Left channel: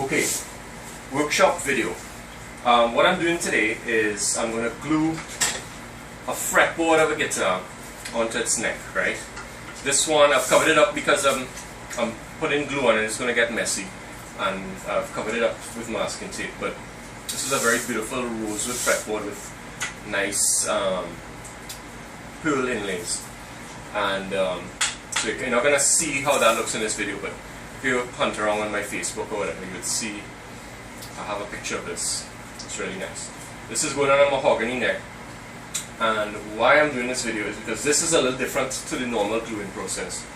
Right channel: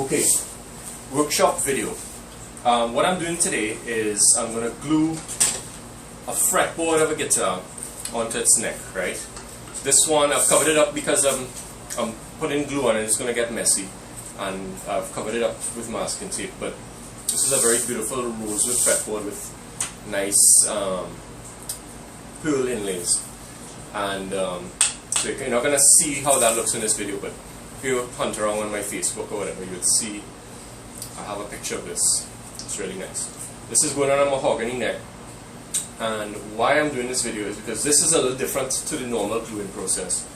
Okay, workshop video. What I'm doing today is I'm going to glue a fretboard of a guitar onto its neck, right? This one I've covered it up because I'm putting glue on it. It's going to get messy, and I've covered it up with masking tape. But this is a very beautiful rosewood fretboard with nice pearl inlays, and so you're not going to see how that looks in this video, but if you hunt around on my Facebook or whatever, you would see I have a picture of this. It's really nice. This is going on a mahogany neck, and why I'm doing this video is because this is a little different to the normal gluing process.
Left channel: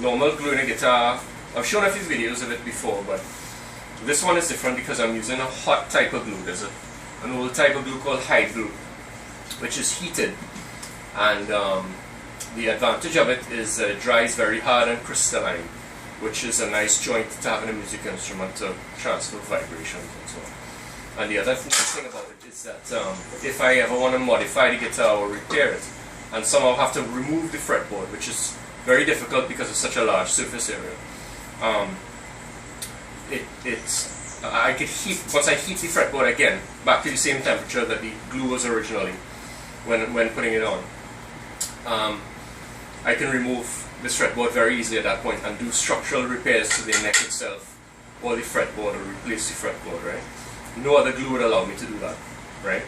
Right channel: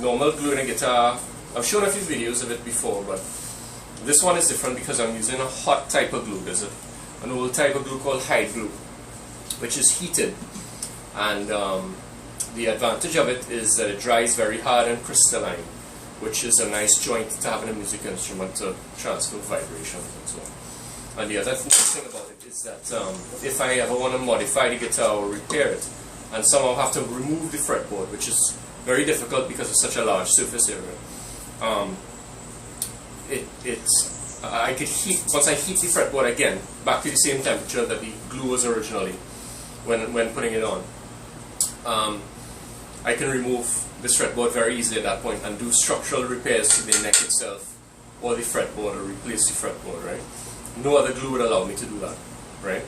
Normal gluing a guitar, I've shown a few videos of it before, but this one is different because I'm using a hot type of glue. There's an old type of glue called hide glue, which is heated, and the advantage of it is that it dries very hard and crystalline, which is a nice joint to have in a music instrument to transfer vibrations and so on. And the other thing about it is that if I ever want to modify the guitar or repair it, and somehow have to remove the fretboard, which is very difficult because it's such a large surface area, I could heat, once I heat the fretboard again back to the same temperature that the glue was originally when putting it on, I can remove this fretboard very easily at that point and do structural repairs to the neck itself or the fretboard, or replace the fretboard, right? No other glue would allow me to do that, right?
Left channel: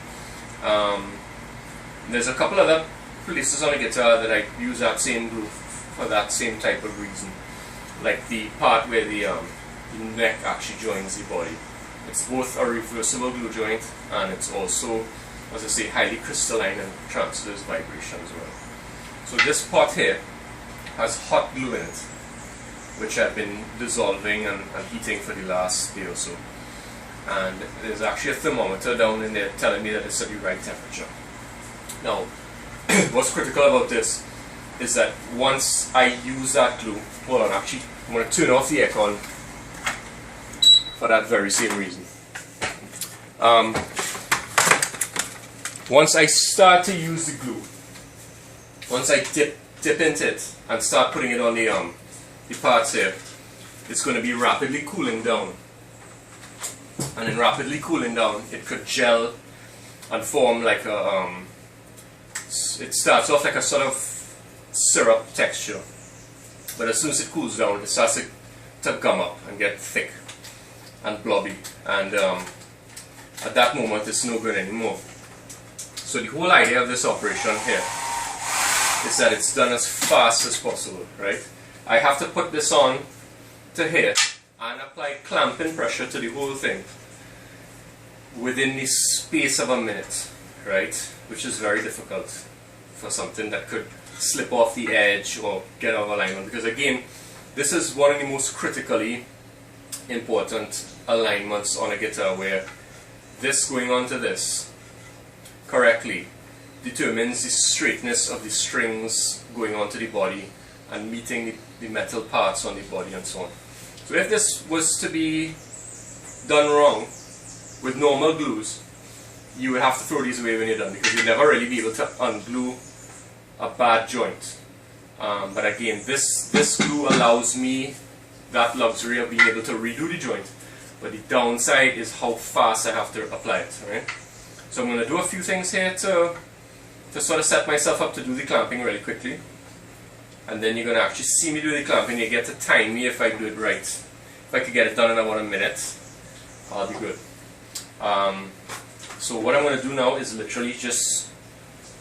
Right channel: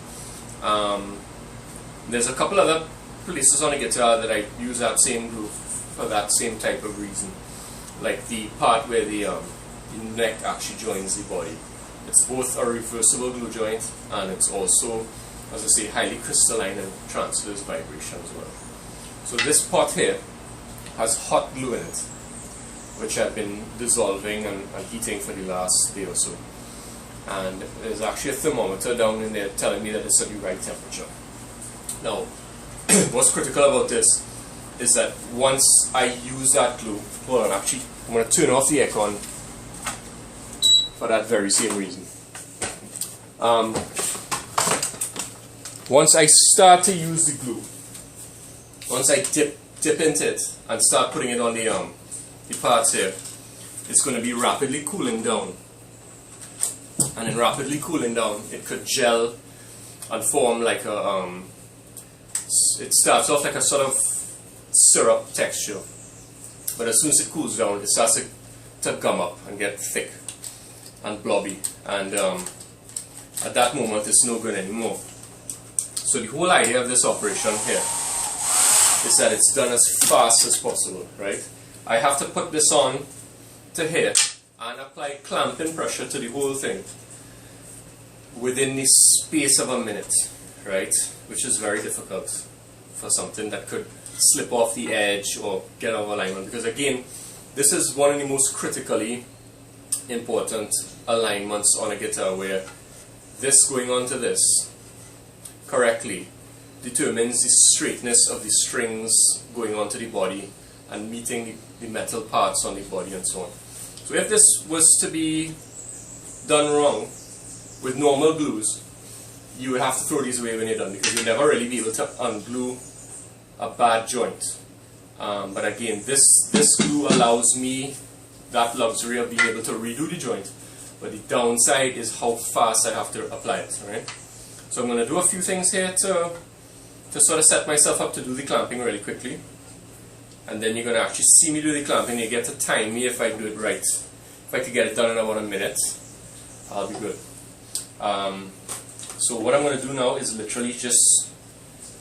There's a couple other places on the guitar that I use that same glue for that same type of reason, like the part where the neck actually joins the body. It's both a reversible glue joint, and it's also, as I say, highly crystalline and transfers vibration as well. So this pot here has hot glue in it, which I've been dissolving and heating for the last day or so. And there's actually a thermometer down in there telling me that it's at the right temperature. Now, what's critical about this is that once I use that glue, hold on, actually, I'm going to turn off the aircon for that very same reason. Once I start to use the glue, once I dip into it and start putting it on the parts here, it's going to be rapidly cooling down. And in rapidly cooling down, it could gel and form like a, it starts off like a sort of syrup texture. But as soon as it cools down, it starts to gum up and get thick and blobby. And at that moment, it's no good anymore. So the whole idea of this operation here is that it's done as fast as possible, right? I have to put this on to here and apply clamping pressure to the whole thing within the space of a minute, right? Which is very difficult for something that could slip off the edge or get out of alignment, because again, this is one of the most critically important alignments on a guitar, where this going onto this correctly determines the straightness of the strings going onto the body and meeting the metal parts on the body and so on. So if this was to be done wrong with normal glues, you would have to throw these away when you're done, because you'll never really be able to unglue a bad joint. But again, this glue allows me that luxury of being able to redo the joint, but the downside is how fast I have to apply it, right? So I'm going to do a few things here to sort of set myself up to do the clamping really quickly, and then you're going to actually see me do the clamping. You get to time me if I do it right. If I could get it done in about a minute, I'll be good. So what I'm going to do now is literally just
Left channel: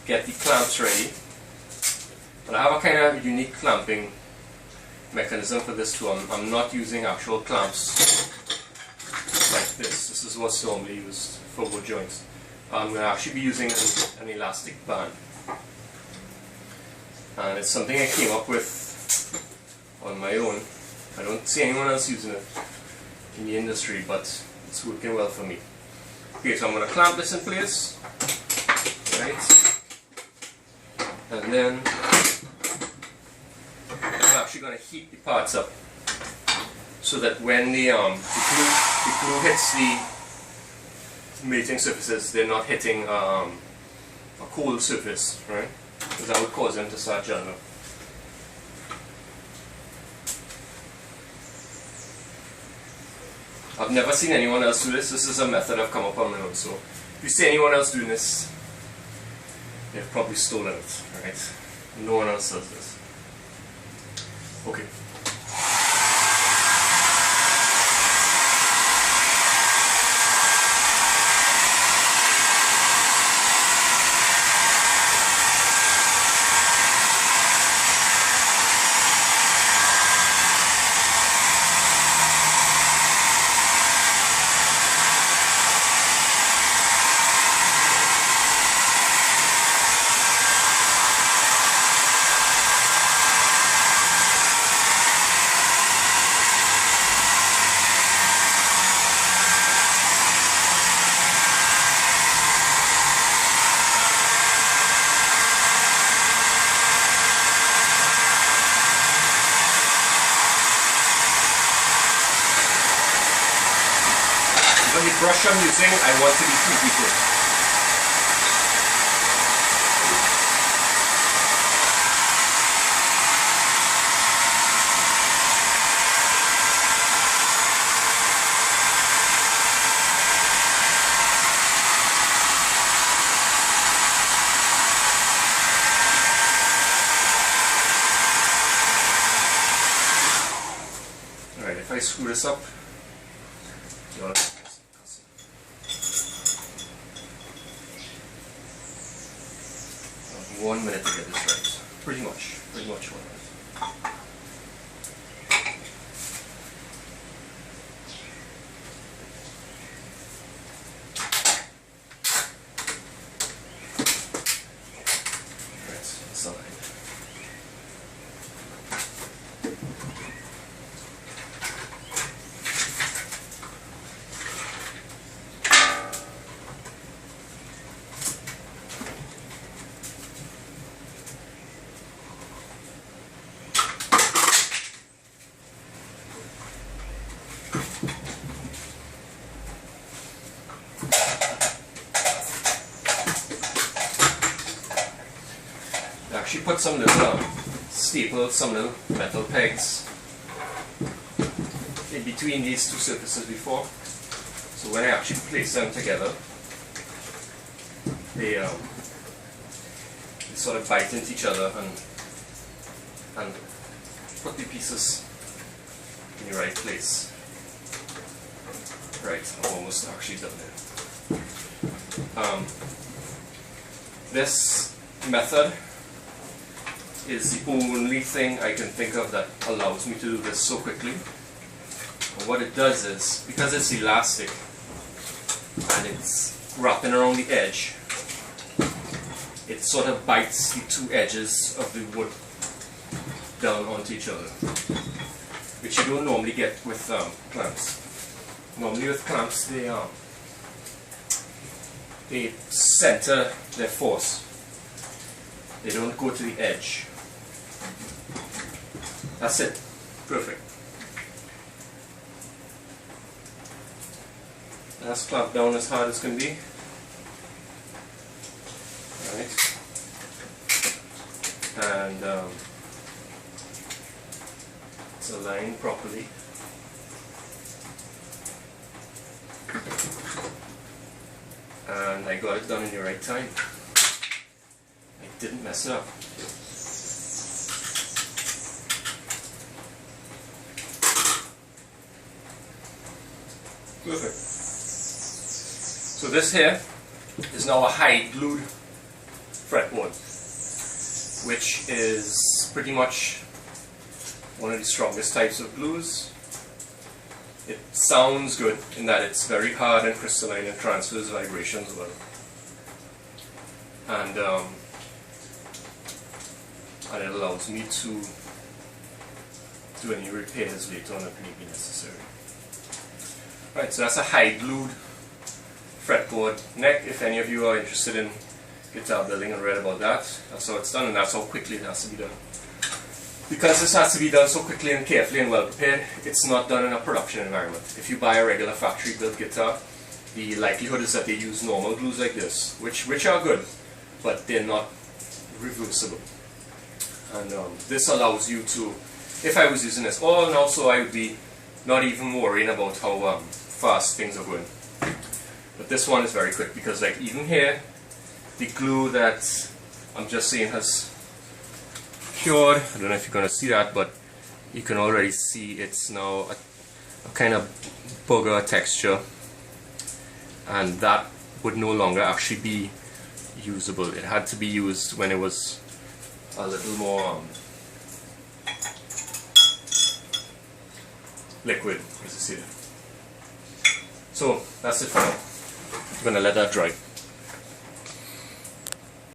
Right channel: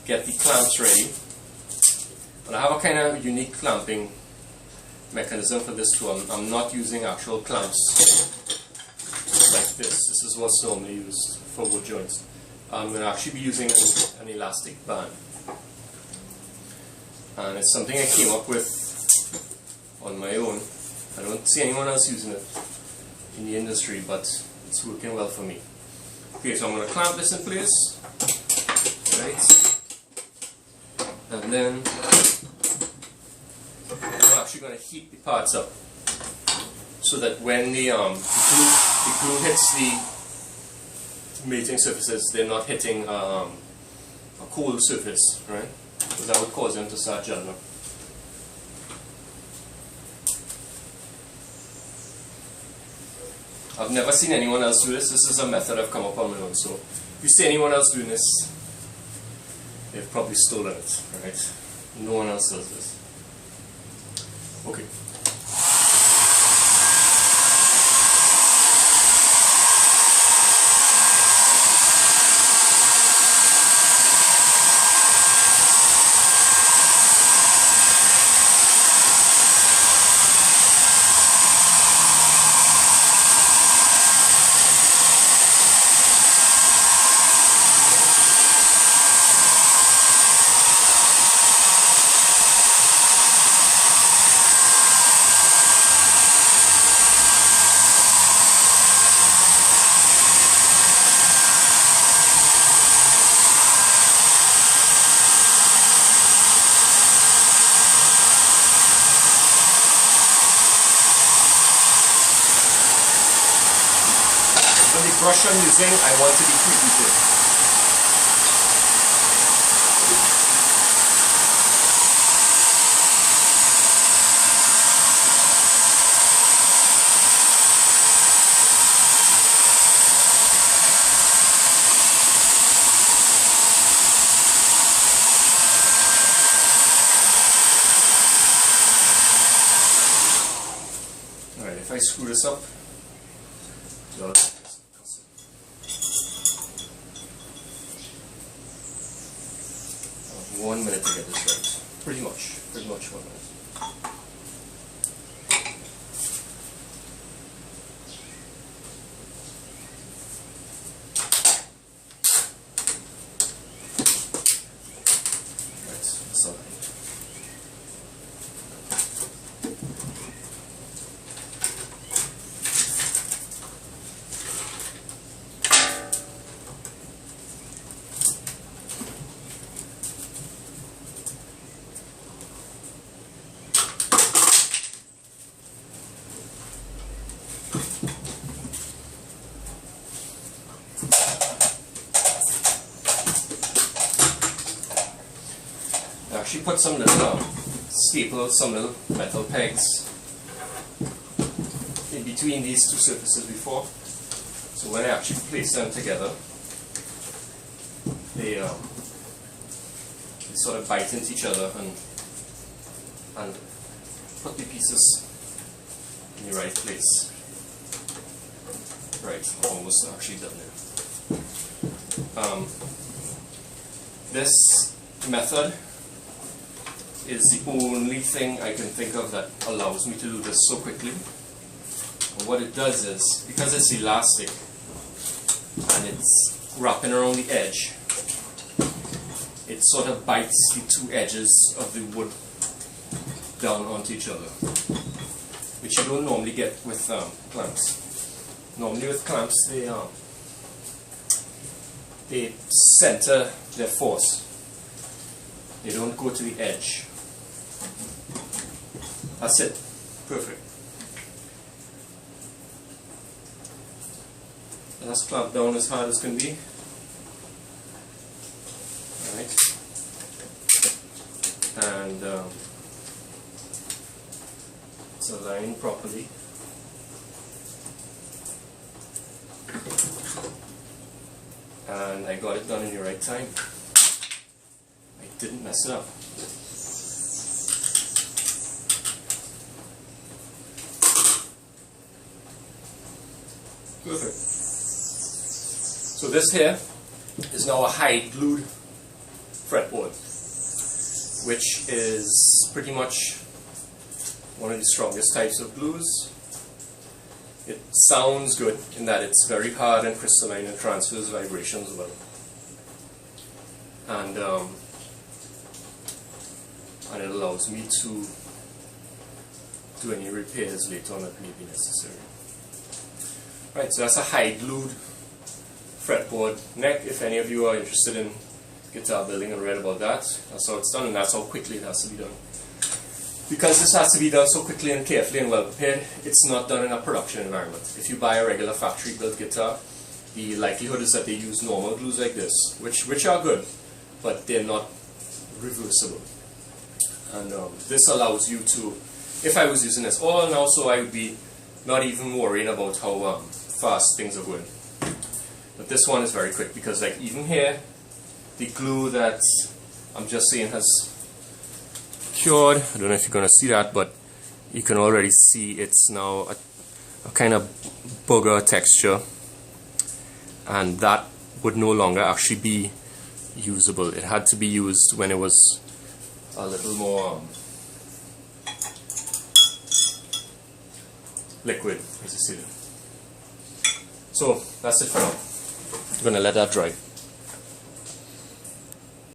get the clamps ready. And I have a kind of unique clamping mechanism for this too. I'm not using actual clamps like this. This is what's normally used for wood joints. I'm going to actually be using an elastic band, and it's something I came up with on my own. I don't see anyone else using it in the industry, but it's working well for me. Okay, so I'm going to clamp this in place, right, and then I'm actually going to heat the parts up so that when the glue hits the mating surfaces, they're not hitting a cold surface, right? Because that would cause them to start gelling. I've never seen anyone else do this. This is a method I've come up on my own. So if you see anyone else doing this, they've probably stolen it, right? No one else does this. Okay. The brush I'm using, I want to be heated. Alright, if I screw this up, one minute to get this right. Pretty much 1 minute. Right, that's all right. I actually put some little staples, some little metal pegs in between these two surfaces before. So when I actually place them together, they sort of bite into each other and put the pieces in the right place. Right, I'm almost actually done there. This method is the only thing I can think of that allows me to do this so quickly. And what it does is, because it's elastic and it's wrapping around the edge, it sort of bites the two edges of the wood down onto each other, which you don't normally get with clamps. Normally with clamps, they center their force. They don't go to the edge. That's it. Perfect. That's clamped down as hard as can be. Alright. And it's aligned properly. And I got it done in the right time. I didn't mess it up. Perfect. So this here is now a hide glued fretboard, which is pretty much one of the strongest types of glues. It sounds good in that it's very hard and crystalline and transfers vibrations well. And it allows me to do any repairs later on that may be necessary. Right, so that's a hide glued fretboard neck. If any of you are interested in guitar building and read about that, that's how it's done, and that's how quickly it has to be done. Because this has to be done so quickly and carefully and well prepared, it's not done in a production environment. If you buy a regular factory built guitar, the likelihood is that they use normal glues like this, which are good, but they're not reversible. And this allows you to, if I was using this all now, so I would be not even worrying about how fast things are going. But this one is very quick because like even here, the glue that I'm just saying has cured. I don't know if you're going to see that, but you can already see it's now a kind of booger texture, and that would no longer actually be usable. It had to be used when it was a little more liquid, as you see it. So that's it for now. I'm going to let that dry.